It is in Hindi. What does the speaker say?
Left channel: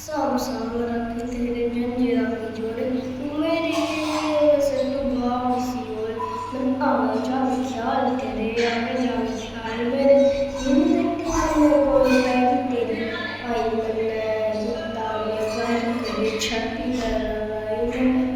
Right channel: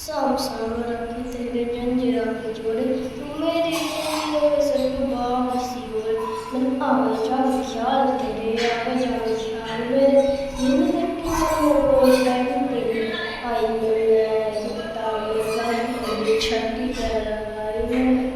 साम साम राखी तेरे जंजीरा के जोड़े तू मेरी जिंदगी वैसे तू बाम सी बोल मैं आवे जावे ख्याल तेरे आवे जावे ख्याल मेरे नींद देखी मैंने कोई पैरी तेरी आई मैंने दाम में गंद कभी छठी पैर आई मैंने